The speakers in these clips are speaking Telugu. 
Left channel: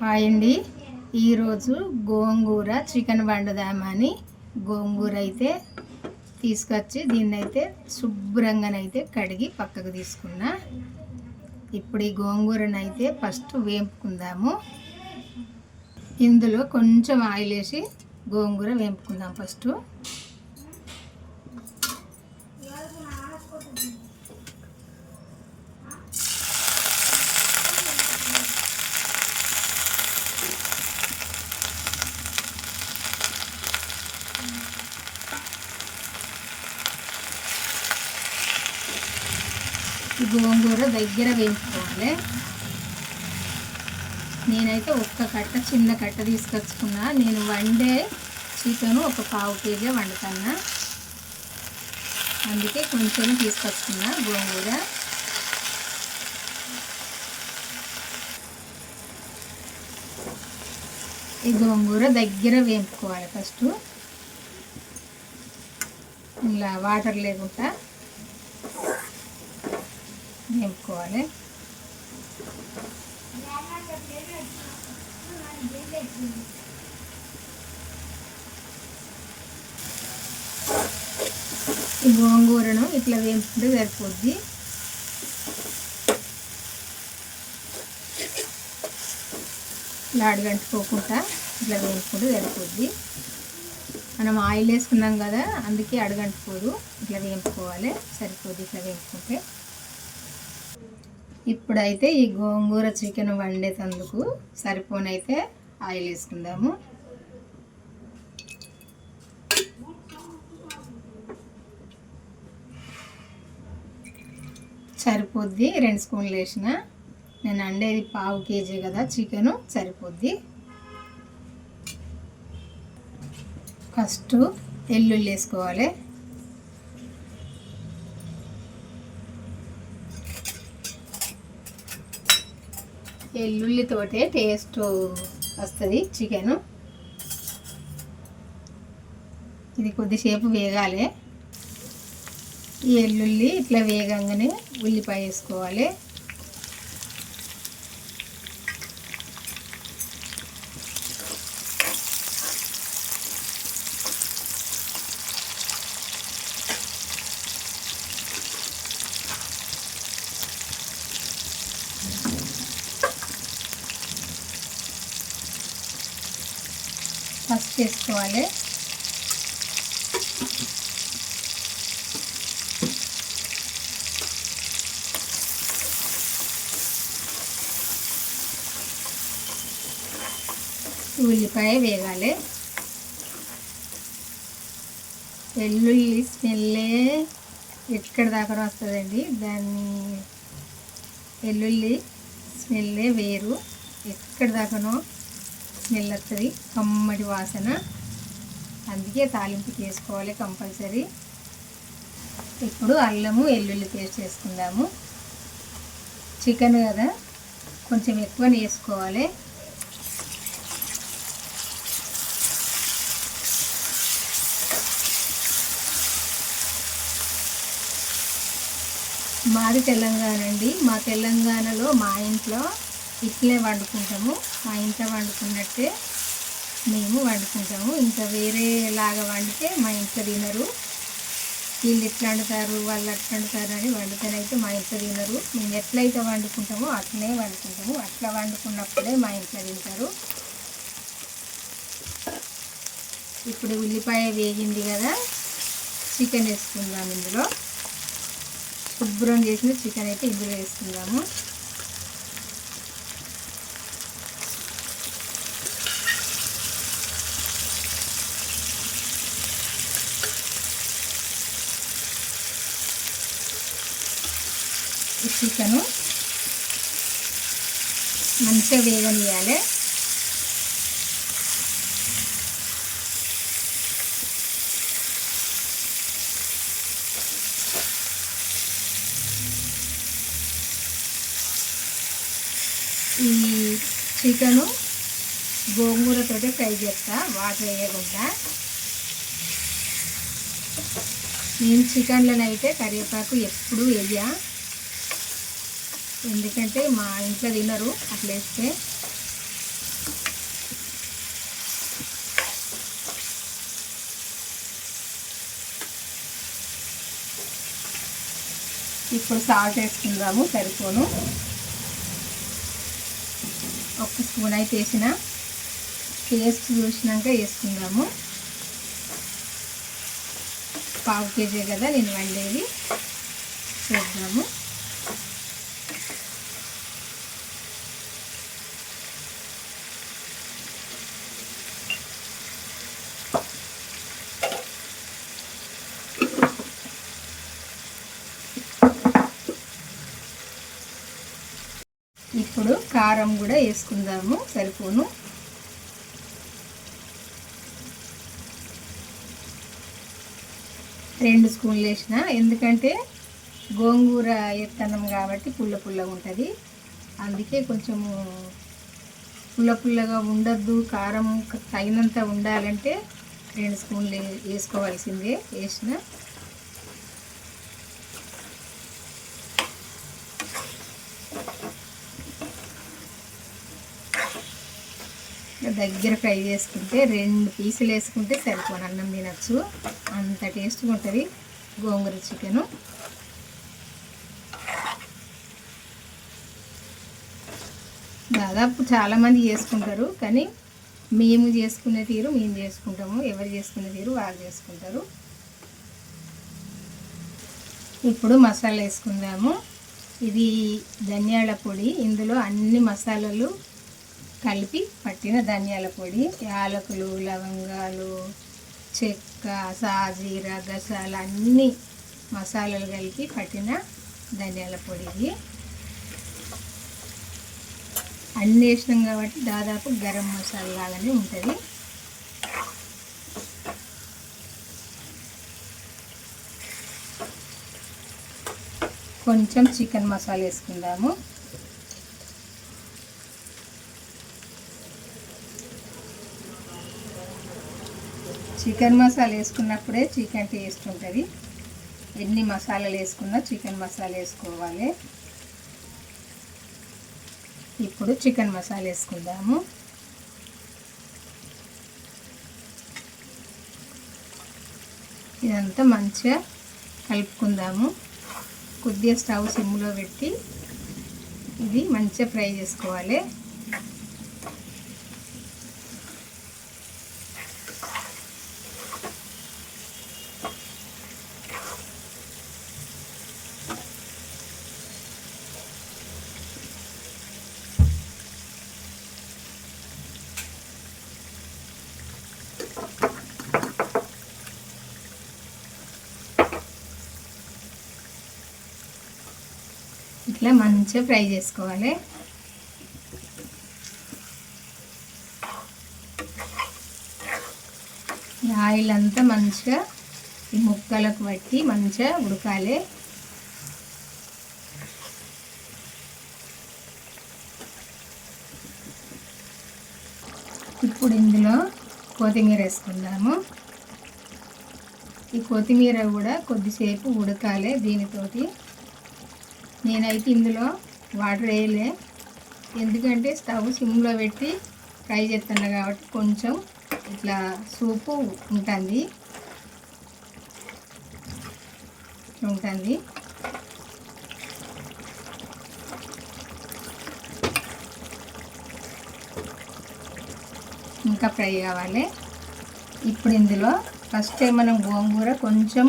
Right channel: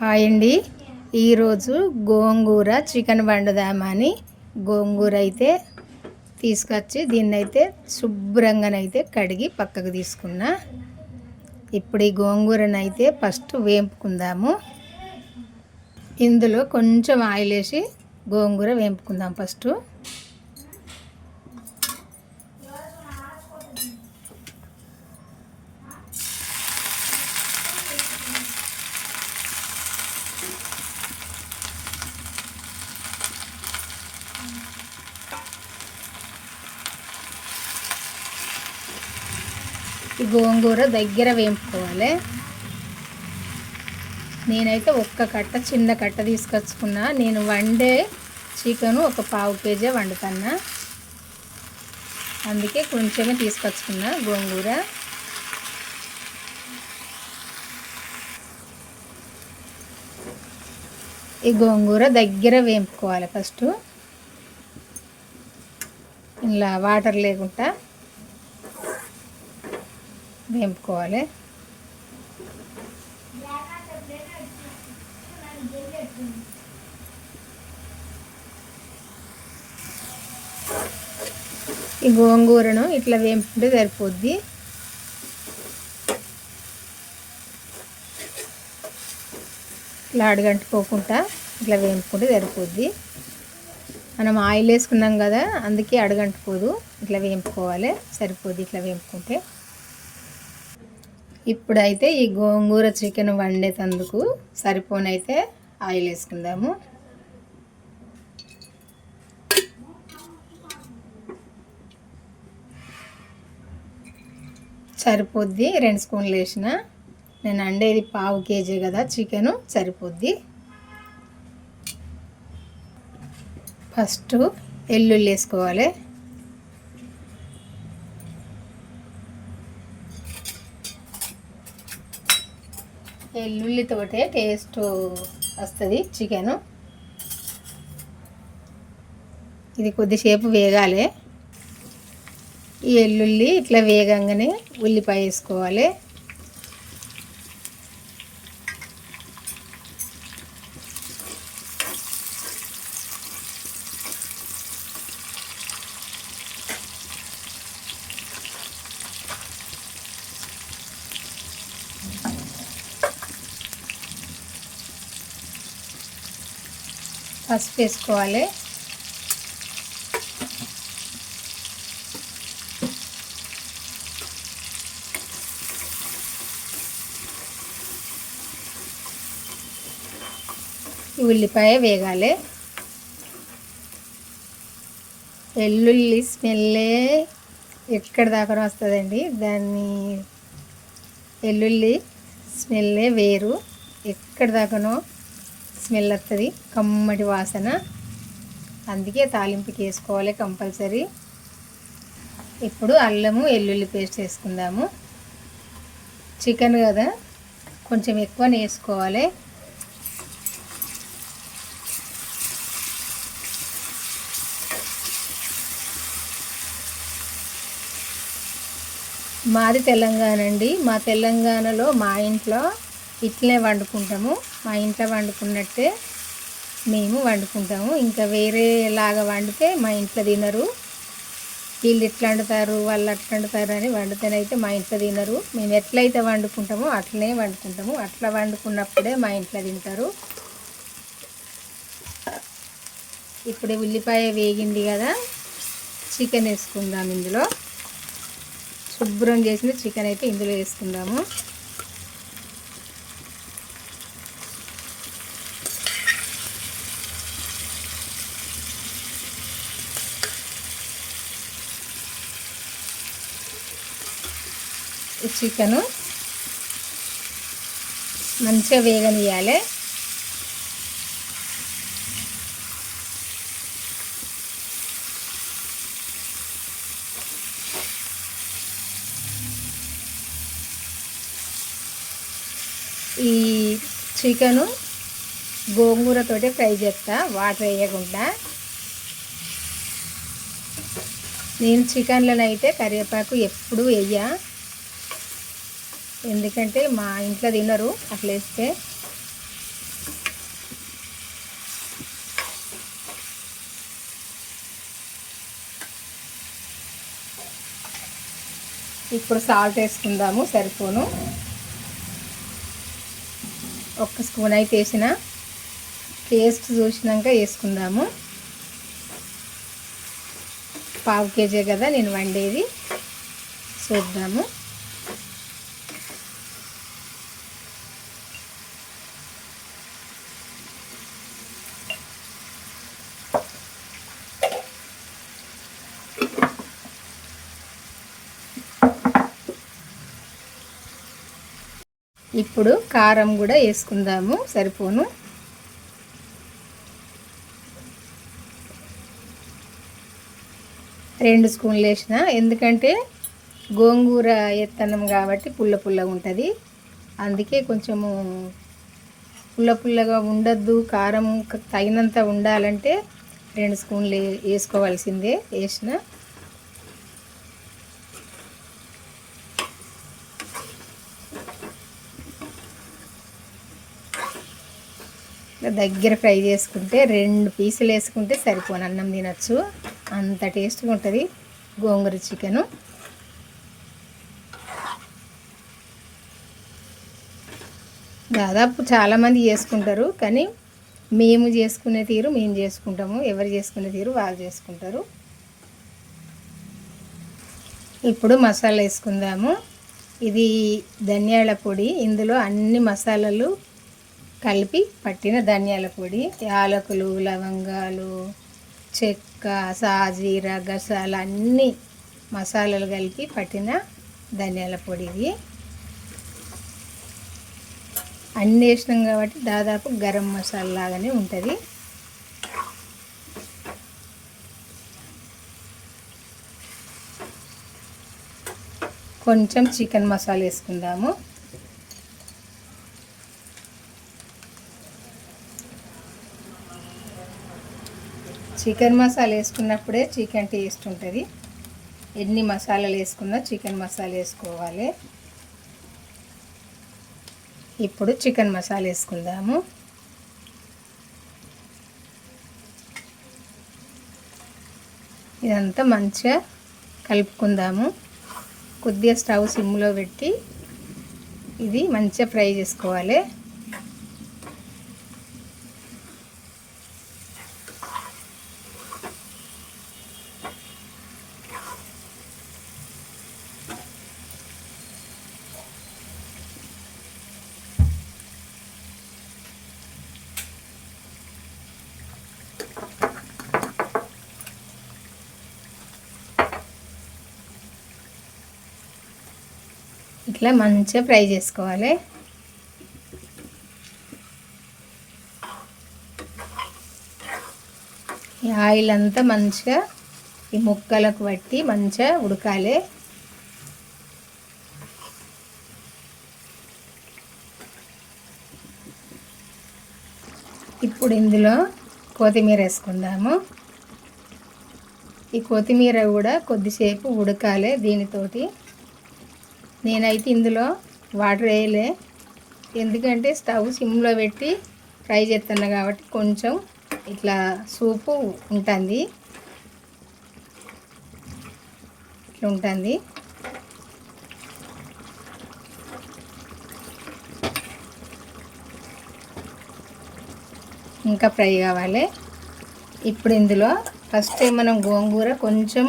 హాయ్ అండి. ఈరోజు గోంగూర చికెన్ వండుదామని గోంగూర అయితే తీసుకొచ్చి దీన్ని అయితే శుభ్రంగానైతే కడిగి పక్కకు తీసుకున్నా. ఇప్పుడు ఈ గోంగూరను అయితే ఫస్ట్ వేపుకుందాము. ఇందులో కొంచెం ఆయిల్ వేసి గోంగూర వేపుకుందాం ఫస్ట్. గోంగూర దగ్గర వేయించుకోవాలి. నేనైతే ఒక్క కట్ట చిన్న కట్ట తీసుకొచ్చుకున్నా. నేను వండే చికెను ఒక పావు కేజీ వండుతున్నా. అందుకే కొంచెమే తీసుకొచ్చుకున్నా గోంగూర. ఈ గోంగూర దగ్గర వేపుకోవాలి ఫస్ట్. ఇలా వాటర్ లేకుండా. వేపుకోవాలి ఈ గోంగూరను ఇట్లా వేపుకుంటే సరిపోద్ది. ఇట్లా అడగంటుకోకుండా ఇట్లా వేపుకుంటే సరిపోద్ది. మనం ఆయిల్ వేసుకున్నాం కదా అందుకే అడగంటుకోదు. ఇట్లా వేపుకోవాలి. సరిపోద్ది ఇట్లా వేపుకుంటే. ఇప్పుడైతే ఈ గోంగూర చికెన్ వండేటందుకు సరిపోనైతే ఆయిల్ వేసుకుందాము. సరిపోద్ది రెండు స్పూన్లు వేసిన. నేను అండేది పావు కేజీ కదా చికెను సరిపోద్ది. ఫస్ట్ ఎల్లుల్లి వేసుకోవాలి. వెల్లుల్లితోటే టేస్ట్ వస్తుంది చికెను ఇది కొద్దిసేపు వేగాలి. ఈ వెల్లుల్లి ఇట్లా వేగంగానే ఉల్లిపాయ వేసుకోవాలి. చేసుకోవాలి. ఉల్లిపాయ వేగాలి. వెల్లుల్లి స్మెల్లే ఎక్కడి దాకా వస్తుందండి? దాన్ని వెల్లుల్లి స్మెల్లే వేరు. ఎక్కడ దాకానో స్మెల్ వస్తుంది కమ్మటి వాసన. అందుకే తాలింపుకి వేసుకోవాలి కంపల్సరీ. ఇప్పుడు అల్లము వెల్లుల్లి పేస్ట్ వేసుకుందాము చికెన్ కదా కొంచెం ఎక్కువ వేసుకోవాలి మాది తెలంగాణ అండి. మా తెలంగాణలో మా ఇంట్లో ఇట్లే వండుకుంటాము. మా ఇంట్లో వండుకున్నట్టే మేము వండుకుంటాము. ఇంకా వేరేలాగా వండితే మా ఇంట్లో తినరు. వీళ్ళు ఎట్లా వండుతారు వాళ్ళు అట్లా వండుతారు అని వండితేనైతే మా ఇంట్లో తినరు. మేము ఎట్లయితే వండుకుంటామో అట్లనే వండుకుంటాము. అట్లా వండుకున్నప్పుడే మా ఇంట్లో తింటారు. ఇప్పుడు ఉల్లిపాయ వేగింది కదా చికెన్ వేసుకుందాం ఇందులో. శుభ్రం చేసిన చికెన్ అయితే ఇందులో వేసుకుందాము. చికెను మంచిగా వేగనియాలి ఈ చికెను గోంగూరతోటి ఫ్రై చేస్తా వాటర్ వేయకుండా. నేను చికెన్లోనైతే కరివేపాకు ఎప్పుడు వేయ. ఎందుకంటే మా ఇంట్లో తినరు అట్లా వేస్తే. ఇప్పుడు సాల్ట్ వేసుకుందాము సరిపోను. ఒక్క స్పూన్ అయితే వేసిన. టేస్ట్ చూసినాక వేసుకుందాము. పావు కేజీ కదా నేను వండేది. చూద్దాము. ఇప్పుడు కారం కూడా వేసుకుందాము సరిపోను. రెండు స్పూన్లు వేసిన ఎందుకంటే గోంగూర ఎత్తనం కాబట్టి పుల్ల పుల్లగా ఉంటుంది. అందుకే కొంచెము పుల్ల పుల్లగా ఉండద్దు కారం తగినంత ఉండాలంటే రెండు స్పూన్లు వేసుకోవాల్సిందే వేసిన. దగ్గర ఫ్రై చేసుకుంటే రెండు పీసులు వేసుకుంటే సరిపోను. అన్నం తినచ్చు. అంత టేస్ట్గా ఉంటుంది గోంగూర చికెను. దాదాపు చాలామంది చేసుకుంటారు కానీ మేము చేసుకునే తీరు మేము చేసుకుంటాము. ఎవరు చేసుకునే తీరు వాళ్ళు చేసుకుంటారు. ఇప్పుడు మసాలా వేసుకుందాము. ఇది ధనియాల పొడి. ఇందులో అన్ని మసాలాలు కలిపి పట్టిన ధనియాల పొడి యాలకులు లవంగాలు చెక్క సాజీర గసాలు అన్నీ మసాలాలు కలిపి పట్టిన ధనియాల పొడివి అన్నీ వేసినాం కాబట్టి దాదాపు గరం మసాలా లాగానే ఉంటుంది. కొంచెం చికెన్ మసాలా వేసుకుందాము. చికెన్ మసాలా వేసుకున్నప్పుడే చికెన్ టేస్ట్ ఉంటుంది. ఎన్ని మసాలాలు వేసుకున్నా చికెన్ మసాలా వేసుకోవాలి. ఇప్పుడు చికెన్ మసాలా వేసుకుందాము. ఇదంతా మంచిగా కలుపుకుందాము. కొద్దిగా స్టవ్ సిమ్లో పెట్టి ఇది మంచిగా ఫ్రై చేసుకోవాలి. ఇట్లా మంచిగా ఫ్రై చేసుకోవాలి. ఈ ఆయిల్ అంతా మంచిగా ఈ ముక్కలకు పట్టి మంచిగా ఉడకాలి. ఇప్పుడు ఇందులో కొత్తిమీర వేసుకుందాము. ఈ కొత్తిమీర కూడా కొద్దిసేపు ఉడకాలి దీనితోటి. నేనైతే ఇందులో వాటర్ వేయలే. ఎందుకంటే స్టవ్ సిమ్లో పెట్టి ఫ్రై చేస్తున్నా కాబట్టి కొంచెం ఇట్లా సూపు ఉంటుంది. ఉంటుంది. ఇంకా ఫ్రై కావాలి. ఇప్పుడు ఇందులో ఫస్ట్ మనం గోంగూర కొంచెం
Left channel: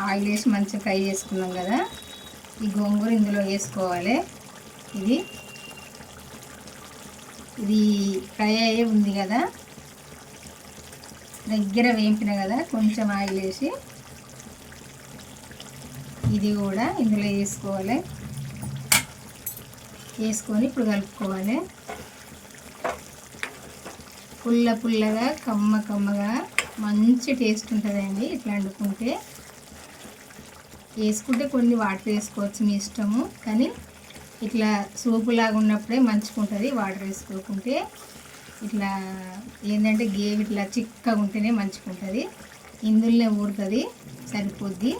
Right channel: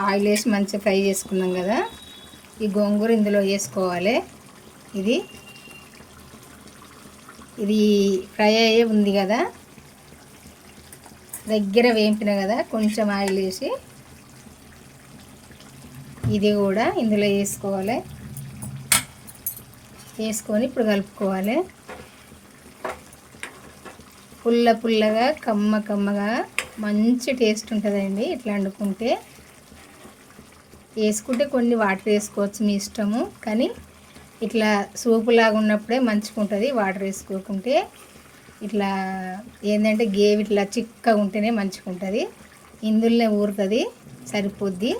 ఆయిల్ వేసి మంచిగా ఫ్రై చేసుకున్నాం కదా. ఈ గోంగూర ఇందులో వేసుకోవాలి. ఇది ఇది ఫ్రై అయ్యే ఉంది కదా. దగ్గర వేంపిన కదా కొంచెం ఆయిల్ వేసి ఇది కూడా ఇందులో వేసుకోవాలి. వేసుకొని ఇప్పుడు కలుపుకోవాలి. పుల్ల పుల్లగా కమ్మ కమ్మగా మంచి టేస్ట్ ఉంటుందండి. ఇట్లా వండుకుంటే వేసుకుంటే కొన్ని వాటర్ వేసుకోవచ్చు మీ ఇష్టము. కానీ ఇట్లా సూపు లాగా ఉన్నప్పుడే మంచిగా ఉంటుంది వాటర్ వేసుకోకుంటే. ఇట్లా ఏంటంటే గేవి ఇట్లా చిక్కగా ఉంటేనే మంచిగా ఉంటుంది ఇందులోనే ఊరుతుంది సరిపోద్ది.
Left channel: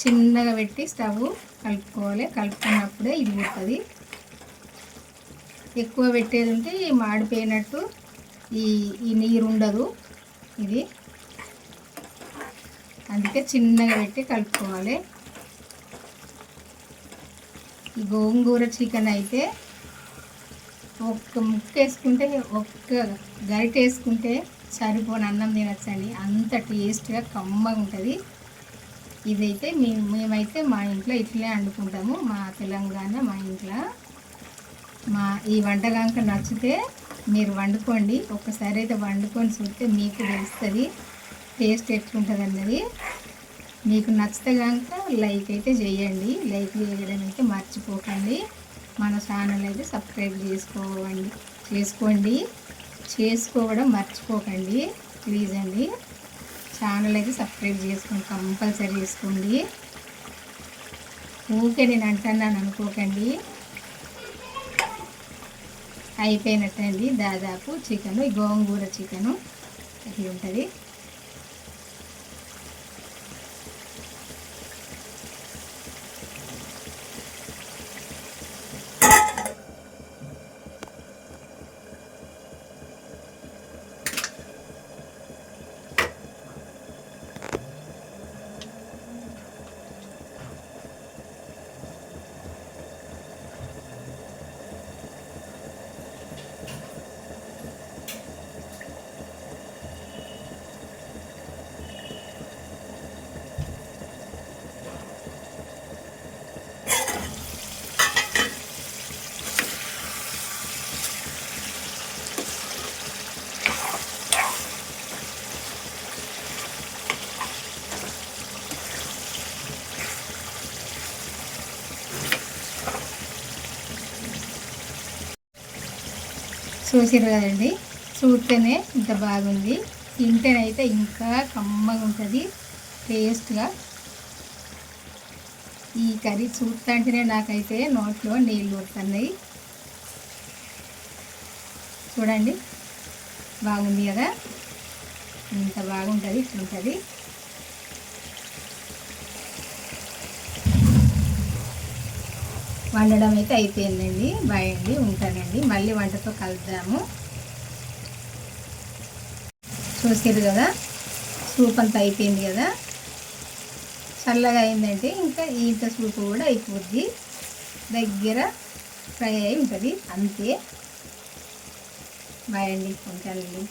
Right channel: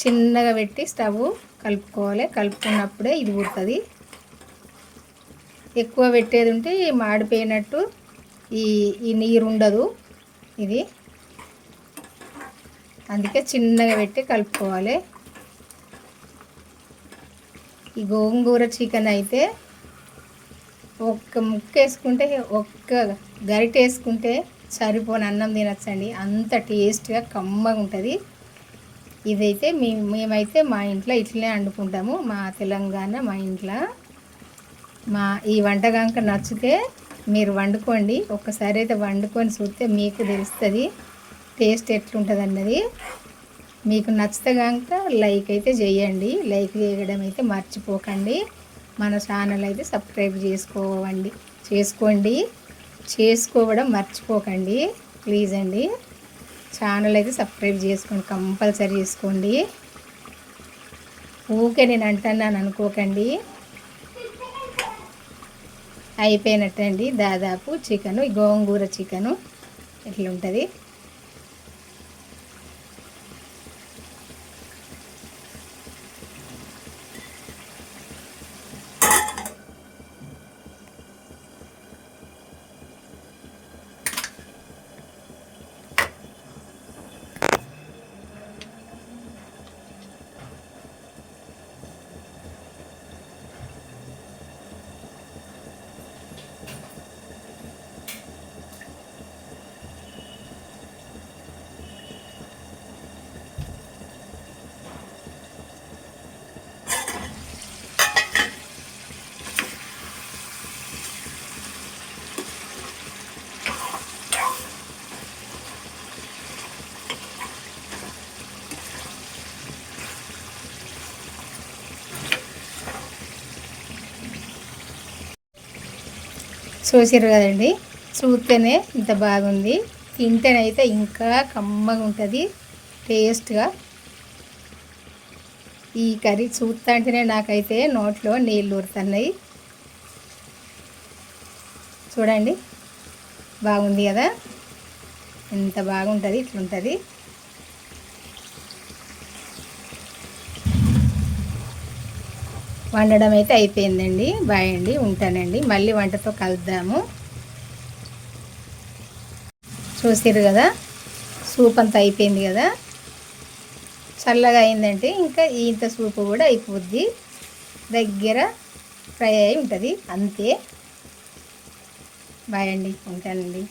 చిన్నగా పెట్టి స్టవ్ కలుపుకోవాలి. కలుపుకున్నప్పుడే ఇది ఊరుతుంది. ఎక్కువ పెట్టేది ఉంటే మాడిపోయినట్టు ఈ ఈ నీరు ఉండదు ఇది. అందుకే చిన్నగా పెట్టి కలుపుకోవాలి. ఈ గోంగూర చికెన్ అయితే ఒక్క ముక్క వేసుకుంటే ఒక్క గరిట వేసుకుంటే సరిపోని అన్నం తినచ్చండి. అంత టేస్ట్గా కమ్మగా ఉంటుంది. ఇదైతే మేము మేమైతే మా ఇంట్లో ఇట్లనే వండుకుంటాము. మా తెలంగాణ మా ఇంట్లో. మా ఈ వంటకాంక నచ్చితే మీరు వండుకోండి. ఒక్కసారి అయితే వండుకొని చూస్తే మీకు తెలుస్తుంది. టేస్ట్ ఎట్లుంటుంది అన్నది మీకు నచ్చితే కనుక లైక్ అయితే చేయండి. లైక్ చేయడం అయితే మర్చిపోకండి. మన ఛానల్ అయితే సబ్స్క్రైబ్ చేసుకోవండి. చేసుకోండి. చేసుకోవడం మర్చిపోకండి. ప్లీజ్ అండి. ఛానల్ అయితే సబ్స్క్రైబ్ చేసుకోండి. కంపల్సరీ చేసుకోండి. ఊకే నేను అంటున్నాను అనుకోకండి. అయిపోయినట్టండి. దాదాపు చికెను గోంగూర చికెను. ఎట్లుంటుంది? చూసారు కదండి. చూస్తేనే ఇంత బాగుంది. తింటేనైతే ఇంకా కమ్మగా ఉంటుంది. టేస్ట్గా. ఈ కర్రీ చూస్తుంటేనే నాకైతే నోట్లో నీళ్ళు ఊరుతున్నాయి. చూడండి. బాగుంది కదా? ఎంత బాగుంటుంది ఇట్లుంటుంది. వండడం అయితే అయిపోయిందండి. బాయ్ అండి ఉంటానండి. మళ్ళీ వంటతో కలుద్దాము. చూసారు కదా? సూప్ అంతా అయిపోయింది కదా? చల్లగా అయిందంటే ఇంకా ఇంత సూప్ కూడా అయిపోద్ది. దగ్గర ఫ్రై అయి ఉంటుంది. అంతే. బాయ్ అండి ఉంటానండి.